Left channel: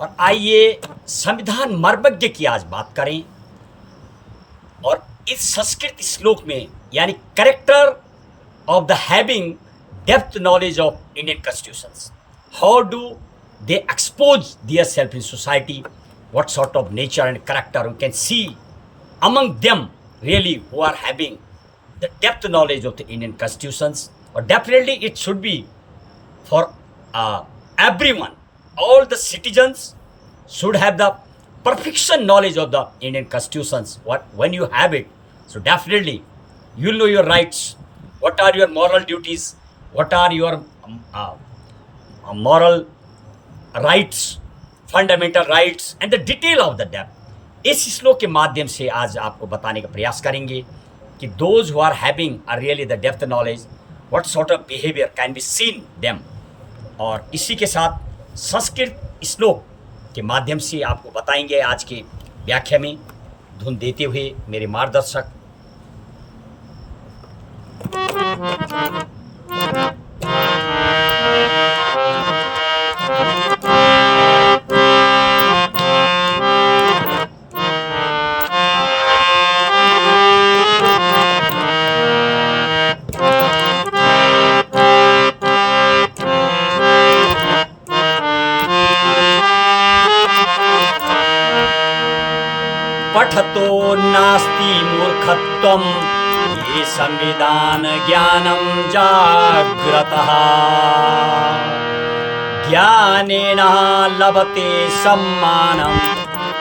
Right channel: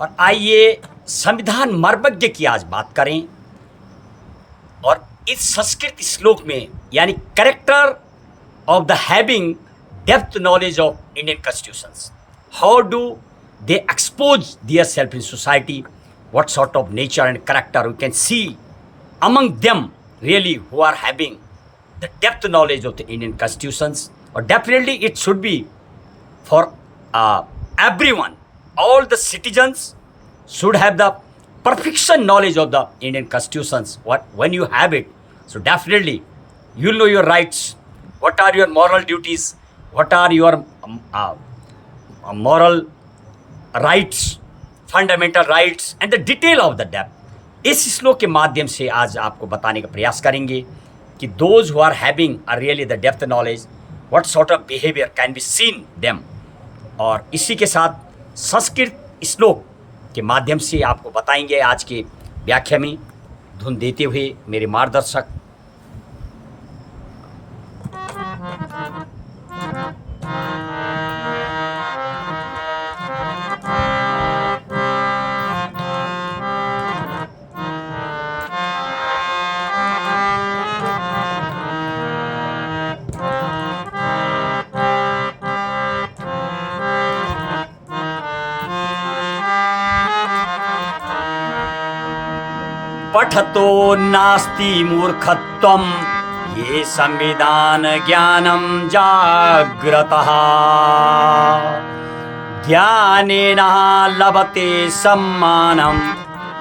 और आइए संविधान मर्मज्ञ की आज बात करें। और इस संस्कृत श्लोक में यानी character of the having depth knowledge of Indian constitutions, how do they expose their self in society, what sort of nature and character we can see among them really who are having the depth knowledge of the Indian constitutions. Or definitely it should be for everyone. All the citizens should have the perfection knowledge of the Indian constitutions. When you have it, so definitely you'll know your rights, what are your moral duties, what are your moral rights, fundamental rights and the detail of the depth. इस श्लोक के माध्यम से आज आपको बताने का प्रयास करेंगे कि those who are having are really the depth knowledge, what sort of behaviour can be seen them. और इसी के साथ संस्कृत श्लोक के माध्यम से आपको बताएंगे आज के व्याख्या में धुन देते हुए मेरे मार्गदर्शक पठतो नास्ति मूर्खत्वं ये संविधान ज्ञानं जाग्रतः, ज्ञानेन लभते सम्मानं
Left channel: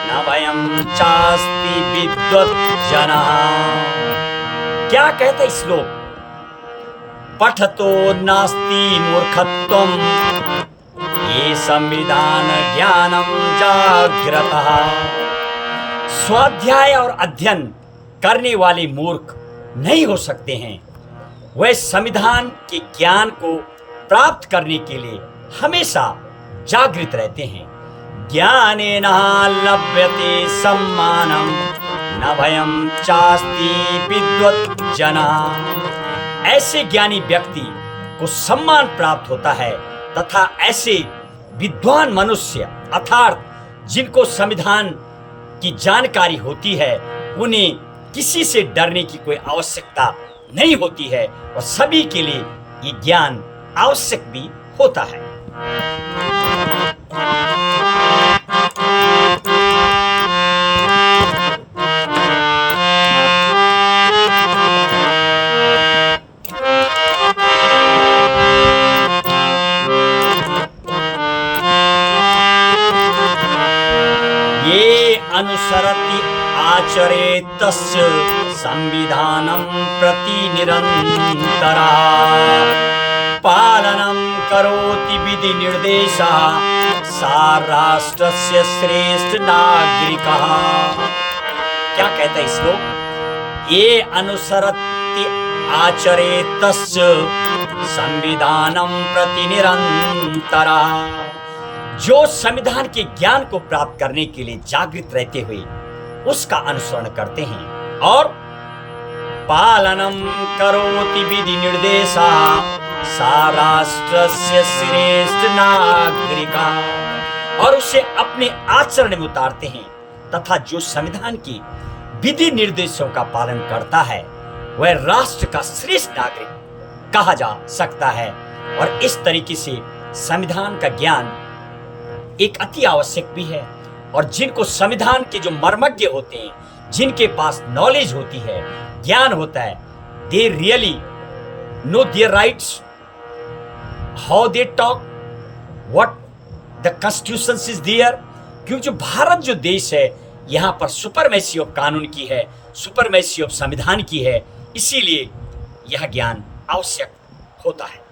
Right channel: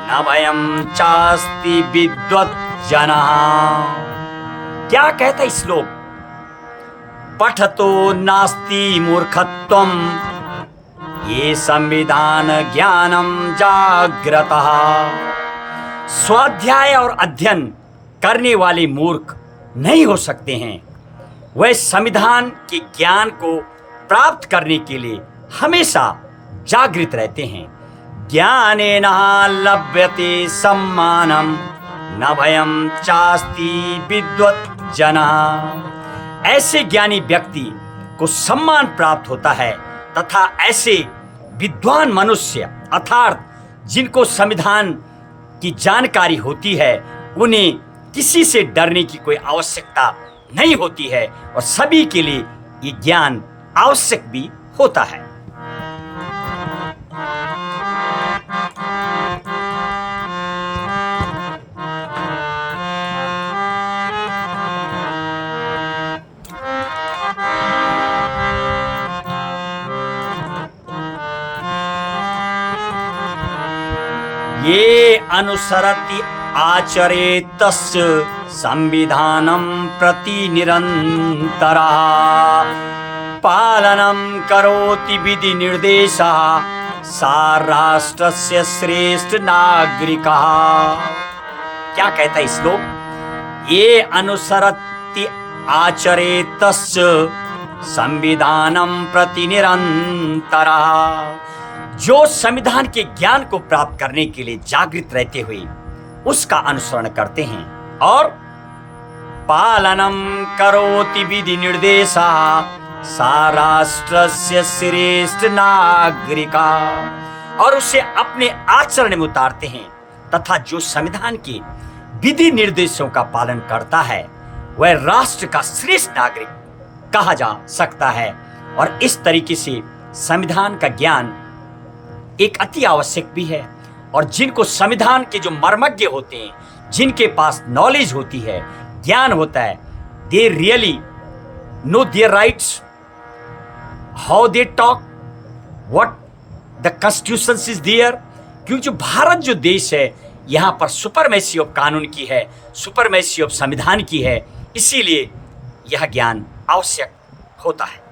न भयं चास्ति विद्वज्जनः। क्या कहता है श्लोक? पठतो नास्ति मूर्खत्वं ये संविधान ज्ञानं जाग्रतः। स्वाध्याय और अध्ययन करने वाले मूर्ख नहीं हो सकते हैं, वह संविधान के ज्ञान को प्राप्त करने के लिए हमेशा जागृत रहते हैं। ज्ञानेन लभ्यते सम्मानम न भयं चास्ति विद्वज्जनः। ऐसे ज्ञानी व्यक्ति को सम्मान प्राप्त होता है तथा ऐसे विद्वान मनुष्य अर्थात जिनको संविधान की जानकारी होती है उन्हें किसी से डरने की कोई आवश्यकता नहीं होती है और सभी के लिए ये ज्ञान आवश्यक भी होता है। ये अनुसरति आचरे तस्य संविधानं प्रति निरन्तरा, पालनं करोति विधि निर्देशा सा राष्ट्रस्य श्रेष्ठ नागरिकः। क्या कहता है श्लोक? ये अनुसरति आचरे तस्य संविधानं प्रति निरन्तरा, जो संविधान के ज्ञान को प्राप्त करने के लिए जागृत रहते हुए उसका अनुसरण करते हैं और पालनम करोति विधि निर्देशा सा राष्ट्रस्य श्रेष्ठ नागरिका, और उसे अपने आचरण में उतारते हैं तथा जो संविधान के विधि निर्देशों का पालन करता है वह राष्ट्र का श्रेष्ठ नागरिक कहा जा सकता है। और इस तरीके से संविधान का ज्ञान एक अति आवश्यक भी है। और जिनको संविधान के जो मर्मज्ञ होते हैं, जिनके पास नॉलेज होती है, ज्ञान होता है, they really know their rights, how they talk, what the constitution is there. क्योंकि जो भारत जो देश है यहाँ पर सुपरमेसी ऑफ कानून की है, सुपरमेसी ऑफ संविधान की है, इसीलिए यह ज्ञान आवश्यक होता है।